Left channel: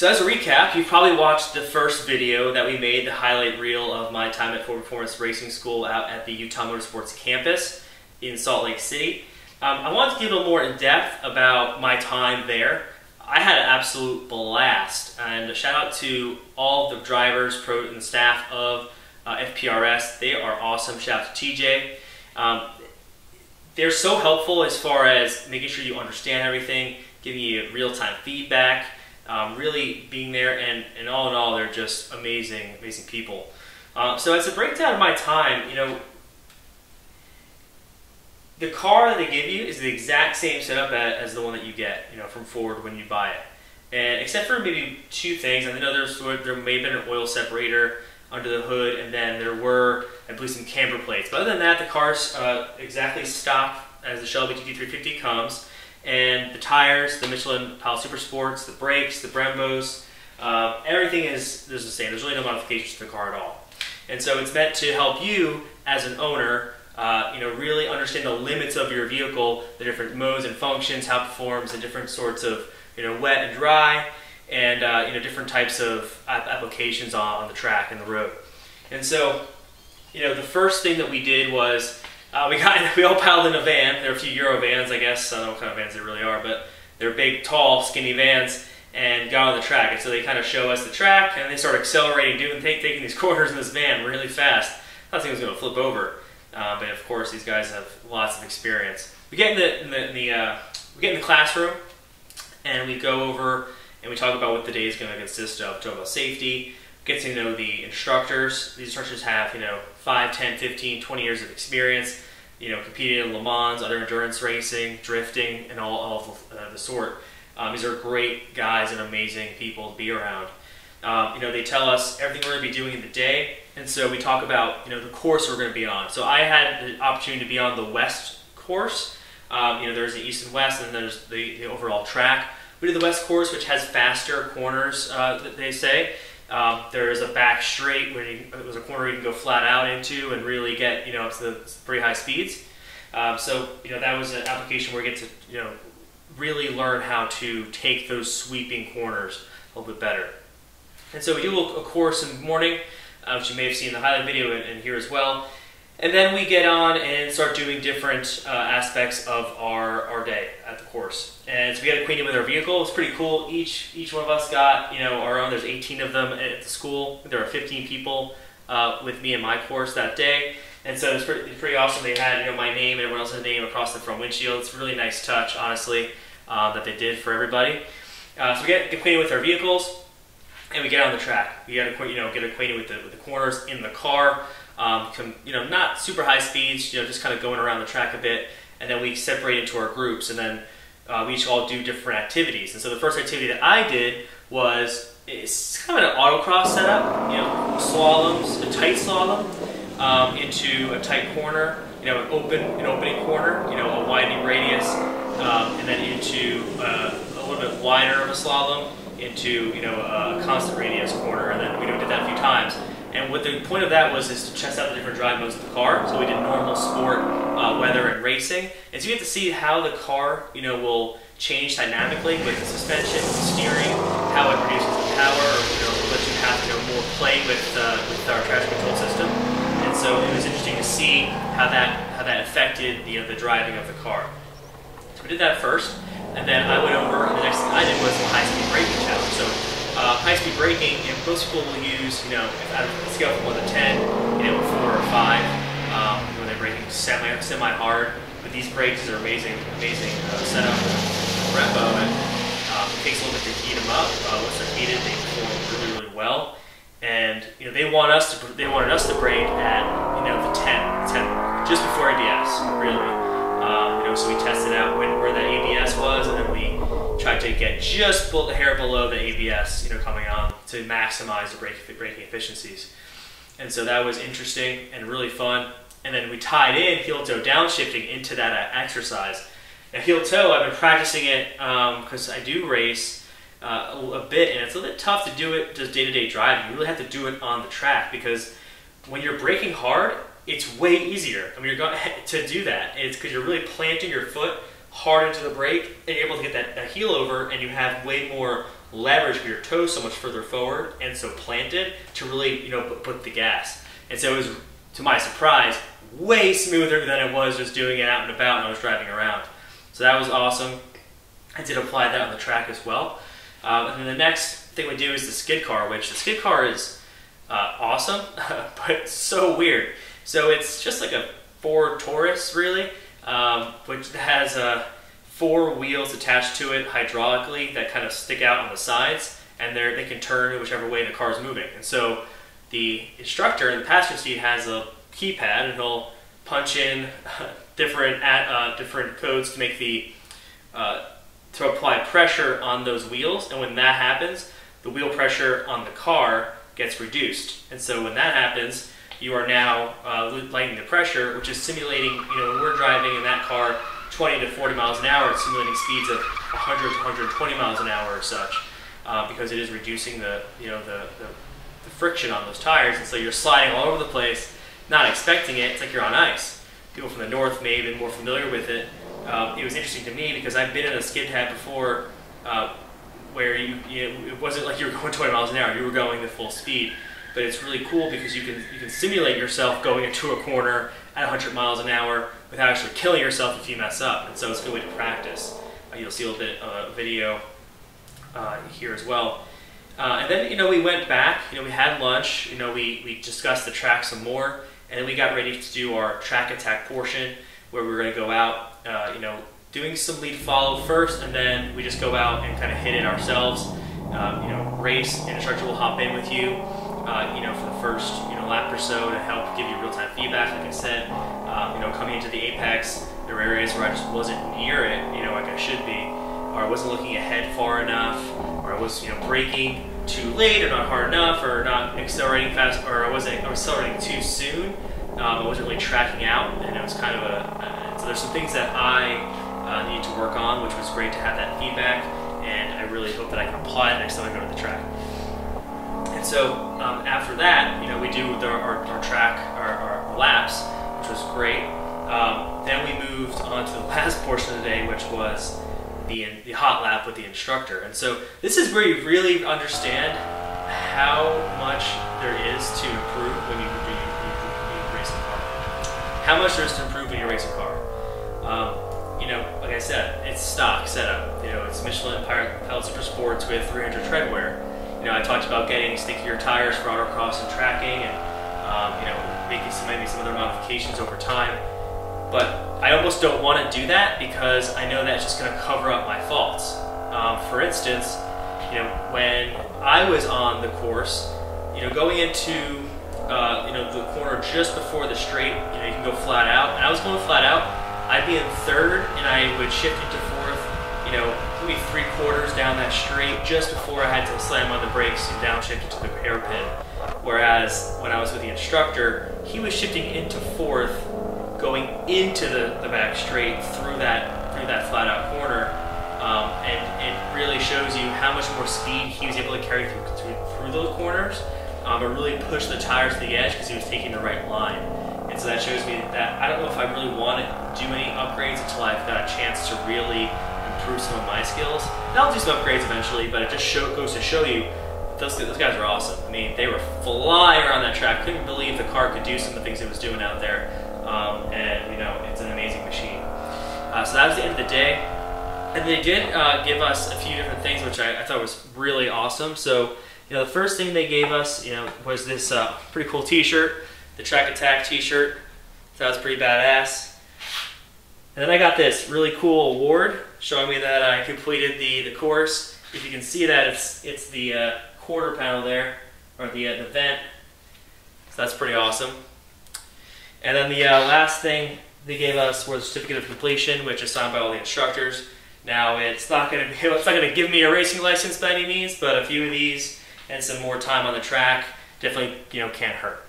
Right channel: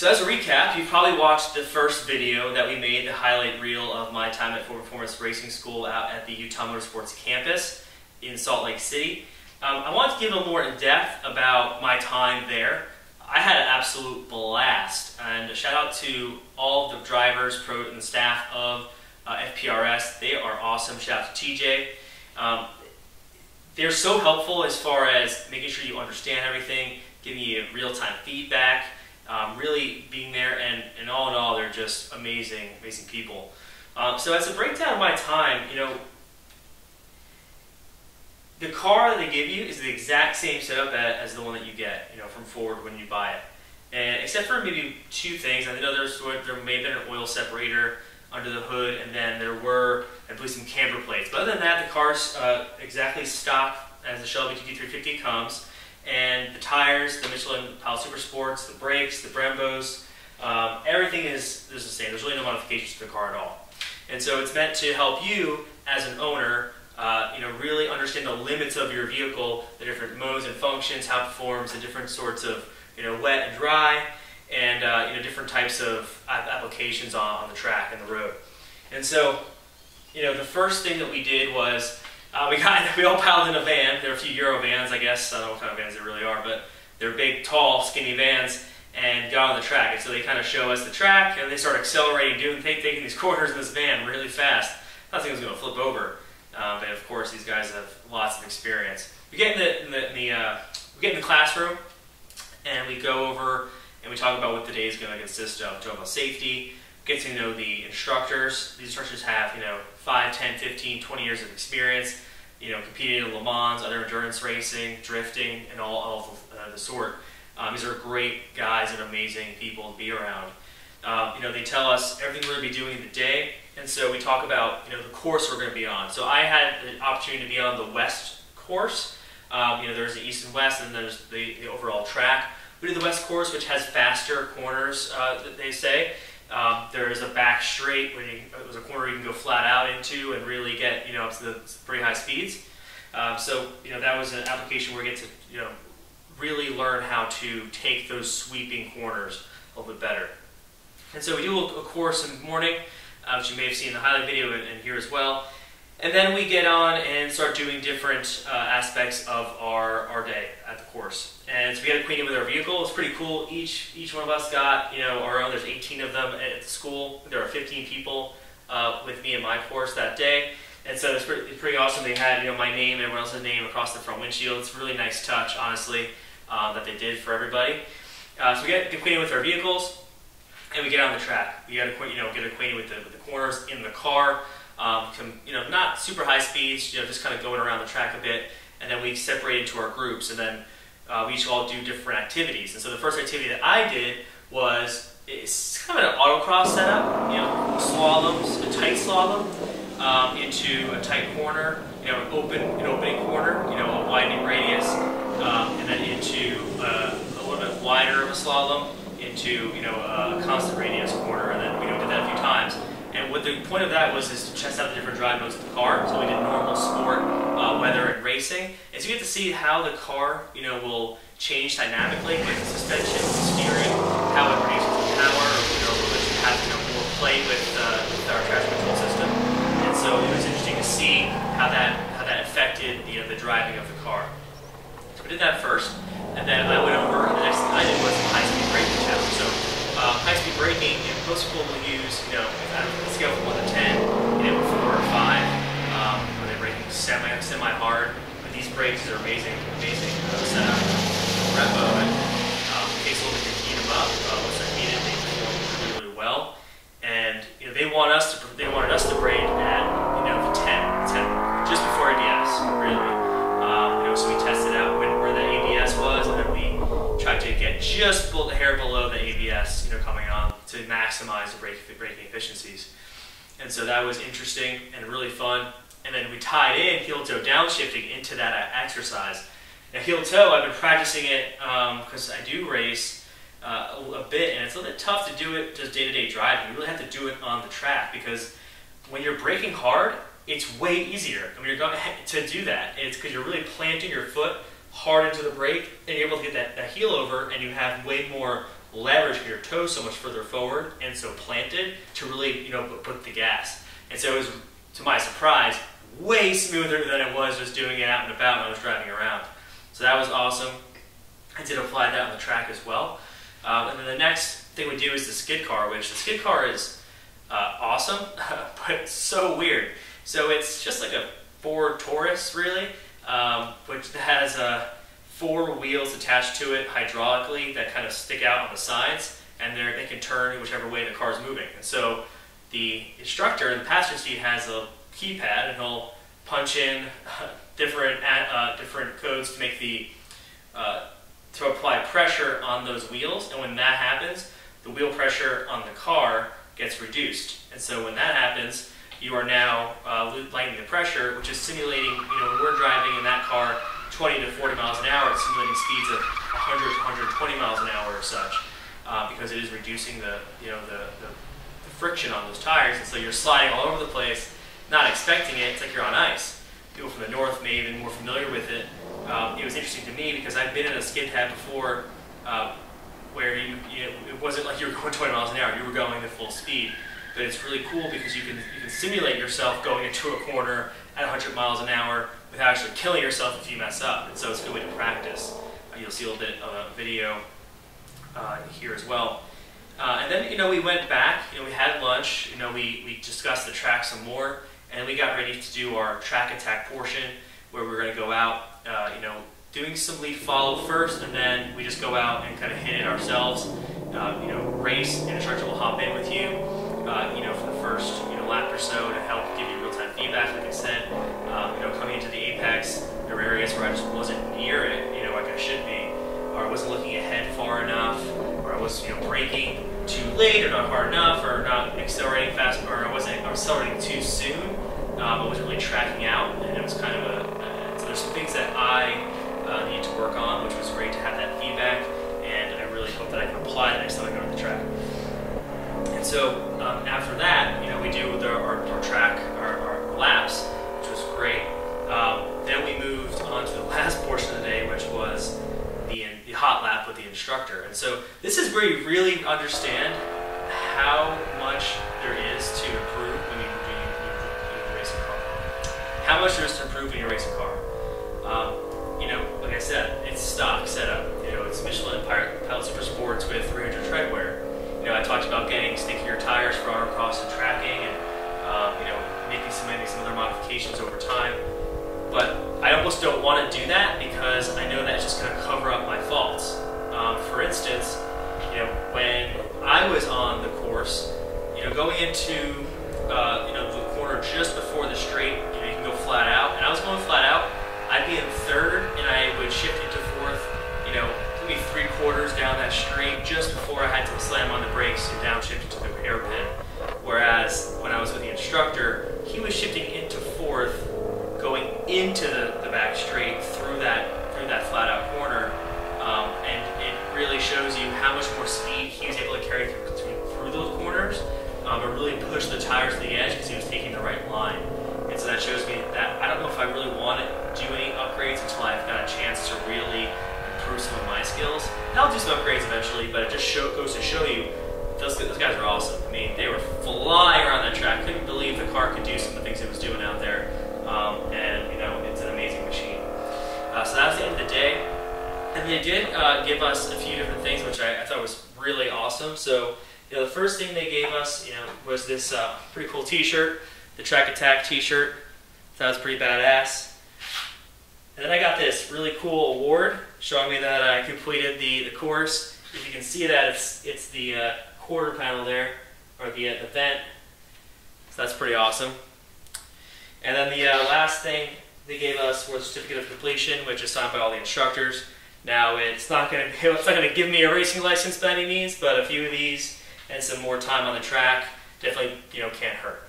So as a recap, you've probably watched the first video that we made, the highlight reel of my time at Full Performance Racing School out at the Utah Motorsports Campus in Salt Lake City. I wanted to give a little more in depth about my time there. I had an absolute blast, and a shout out to all the drivers, pro, and the staff of FPRS. They are awesome. Shout out to TJ. They're so helpful as far as making sure you understand everything, giving you real-time feedback, really being there, and all in all, they're just amazing, amazing people. So as a breakdown of my time, the car that they give you is the exact same setup as the one that you get, from Ford when you buy it. And except for maybe two things, I know there may have been an oil separator under the hood, and then there were, I believe, some camber plates. But other than that, the car's exactly stock as the Shelby GT350 comes. And the tires, the Michelin Pilot Super Sports, the brakes, the Brembos, everything is the same. There's really no modifications to the car at all. And so it's meant to help you as an owner, really understand the limits of your vehicle, the different modes and functions, how it performs, and different sorts of, wet and dry, and different types of applications on the track and the road. And so, the first thing that we did was we all piled in a van. There are a few Euro vans, I guess. I don't know what kind of vans they really are, but they're big, tall, skinny vans, and got on the track. And so they kind of show us the track, and they start accelerating, taking these corners in this van really fast. I thought it was going to flip over, but of course these guys have lots of experience. We get in the classroom, and we go over and we talk about what the day is going to consist of. We talk about safety, get to know the instructors. These instructors have 5, 10, 15, 20 years of experience, competing in Le Mans, other endurance racing, drifting, and all of the sort. These are great guys and amazing people to be around. They tell us everything we're going to be doing in the day, and so we talk about the course we're going to be on. So I had the opportunity to be on the West course. There's the East and West, and there's the overall track. We did the West course, which has faster corners, they say. There is a back straight where it was a corner you can go flat out into and really get up to the pretty high speeds. So that was an application where you get to really learn how to take those sweeping corners a little bit better. And so we do a course in the morning, which you may have seen in the highlight video and here as well. And then we get on and start doing different aspects of our day at the course. And so we got acquainted with our vehicle. It's pretty cool. Each one of us got our own. There's 18 of them at the school. There are 15 people with me in my course that day. And so it's pretty awesome. They had my name and everyone else's name across the front windshield. It's a really nice touch, honestly, that they did for everybody. So we get acquainted with our vehicles, and we get on the track. We got to get acquainted with the corners in the car. Not super high speeds, just kind of going around the track a bit, and then we separate into our groups, and then we each all do different activities. And so the first activity that I did was, it's kind of an autocross setup, slaloms, a tight slalom into a tight corner, an opening corner, a widening radius, and then into a little bit wider of a slalom into a constant radius corner, and then we did that a few times. And what the point of that was is to test out the different drive modes of the car. So we did normal, sport, weather, and racing. And so you get to see how the car, will change dynamically with the suspension, the steering, how it produces the power, let you have more play with our traction control system. And so it was interesting to see how that affected the driving of the car. So we did that first, and then I went over, and the next thing I did was the high-speed braking test. So high-speed braking, most people will use, out of the scale from 1 to 10, 4 or 5, when they're braking semi-hard. But these brakes are amazing setup. The rep of it takes a little bit to heat them up. Once they're heated, they perform really well. And they wanted us to brake at the 10 just before ABS, really. So we tested out where the ABS was, and then we tried to get just a hair below the ABS, coming on to maximize the braking efficiencies. And so that was interesting and really fun. And then we tied in heel toe downshifting into that exercise. Now heel toe, I've been practicing it because I do race a bit, and it's a little bit tough to do it just day-to-day driving. You really have to do it on the track because when you're braking hard, it's way easier. You're going to do that. It's because you're really planting your foot hard into the brake, and you're able to get that heel over, and you have way more leverage your toes so much further forward and so planted to really, put the gas. And so it was, to my surprise, way smoother than it was just doing it out and about when I was driving around. So that was awesome. I did apply that on the track as well. And then the next thing we do is the skid car, which the skid car is awesome, but so weird. So it's just like a Ford Taurus, really, which has 4 wheels attached to it hydraulically that kind of stick out on the sides, and they can turn whichever way the car is moving. And so the instructor in the passenger seat has a keypad, and he'll punch in different codes to make to apply pressure on those wheels. And when that happens, the wheel pressure on the car gets reduced. And so when that happens, you are now lightening the pressure, which is simulating, when we're driving in that car 20 to 40 miles an hour, it's simulating speeds of 100 to 120 miles an hour or such, because it is reducing the friction on those tires. And so you're sliding all over the place, not expecting it. It's like you're on ice. People from the north may have been more familiar with it. It was interesting to me because I've been in a skid pad before, where it wasn't like you were going 20 miles an hour, you were going at full speed. But it's really cool because you can simulate yourself going into a corner at 100 miles an hour without actually killing yourself if you mess up. And so it's a good way to practice. You'll see a little bit of video here as well. And then, we went back, we had lunch, we discussed the track some more, and we got ready to do our track attack portion where we were going to go out, doing some lead follow first, and then we just go out and kind of hit it ourselves, race, and instructor will hop in with you, for the first, lap or so to help give you real-time feedback. Like I said, coming into the apex, there were areas where I just wasn't near it, like I should be, or I wasn't looking ahead far enough, or I was, braking too late, or not hard enough, or not accelerating fast, or I was accelerating too soon. I wasn't really tracking out, and it was kind of so there's some things that I need to work on, which was great to have that feedback, and I really hope that I can apply it next time I go to the track. And so after that, we do our track, our laps, which was great. Then we moved on to the last portion of the day, which was the hot lap with the instructor. And so this is where you really understand how much there is to improve when you race a car. How much there is to improve when you race a car. Like I said, it's stock setup. It's Michelin Pilot Super Sports with 300 treadwear. I talked about getting stinkier tires for autocross and tracking, and making some other modifications over time. But I almost don't want to do that because I know that's just going to cover up my faults. For instance, when I was on the course, going into the corner just before the straight, you can go flat out, and I was going flat out. I'd be in third, and I would shift into fourth, maybe 3/4 down that straight just before I had to slam on the brakes and downshift into the hairpin. Whereas when I was with the instructor, he was shifting into fourth, going into the back straight through that flat out corner, and it really shows you how much more speed he was able to carry through those corners, and really push the tires to the edge because he was taking the right line. And so that shows me that I don't know if I really want to do any upgrades until I've got a chance to really improve some of my skills. And I'll do some upgrades eventually, but it just goes to show you those guys are awesome. I mean, they were flying around that track. Couldn't believe the car could do some of the things it was doing out there. And it's an amazing machine. So that was the end of the day. And they did give us a few different things, which I thought was really awesome. So, the first thing they gave us, was this pretty cool t-shirt, the Track Attack t-shirt. So that was pretty badass. And then I got this really cool award showing me that I completed the course. If you can see that, it's the quarter panel there, or the vent. So that's pretty awesome. And then the last thing they gave us was a certificate of completion, which is signed by all the instructors. Now it's not going to give me a racing license by any means, but a few of these and some more time on the track definitely can't hurt.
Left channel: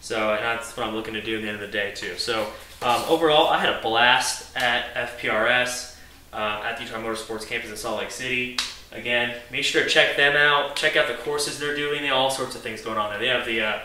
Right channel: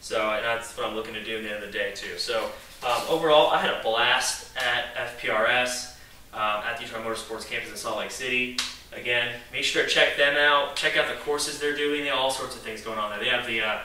So that's what I'm looking to do at the end of the day too. So overall, I had a blast at FPRS at the Utah Motorsports Campus in Salt Lake City. Again, make sure to check them out. Check out the courses they're doing. They have all sorts of things going on there. They have the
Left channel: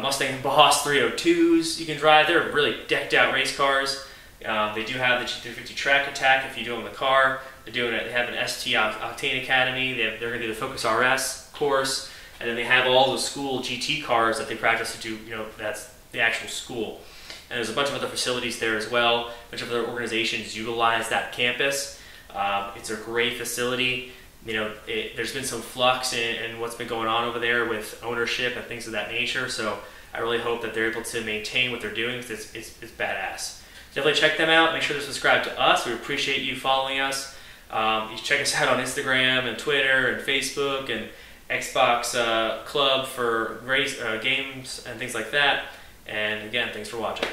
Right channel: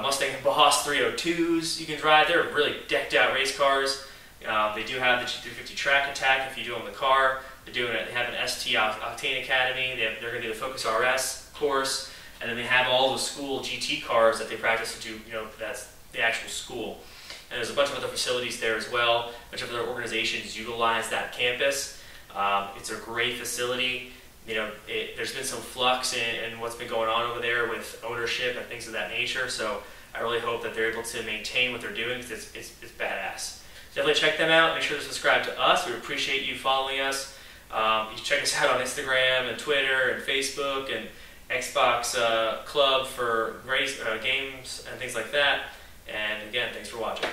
Mustang Boss 302s you can drive. They're really decked out race cars. They do have the GT350 Track Attack if you do it in the car. They have an ST Octane Academy. They're going to do the Focus RS course, and then they have all the school GT cars that they practice to do. That's the actual school. And there's a bunch of other facilities there as well. A bunch of other organizations utilize that campus. It's a great facility. There's been some flux in what's been going on over there with ownership and things of that nature. So I really hope that they're able to maintain what they're doing, because it's badass. Definitely check them out. Make sure to subscribe to us. We appreciate you following us. You can check us out on Instagram and Twitter and Facebook and Xbox Club for games and things like that. And again, thanks for watching.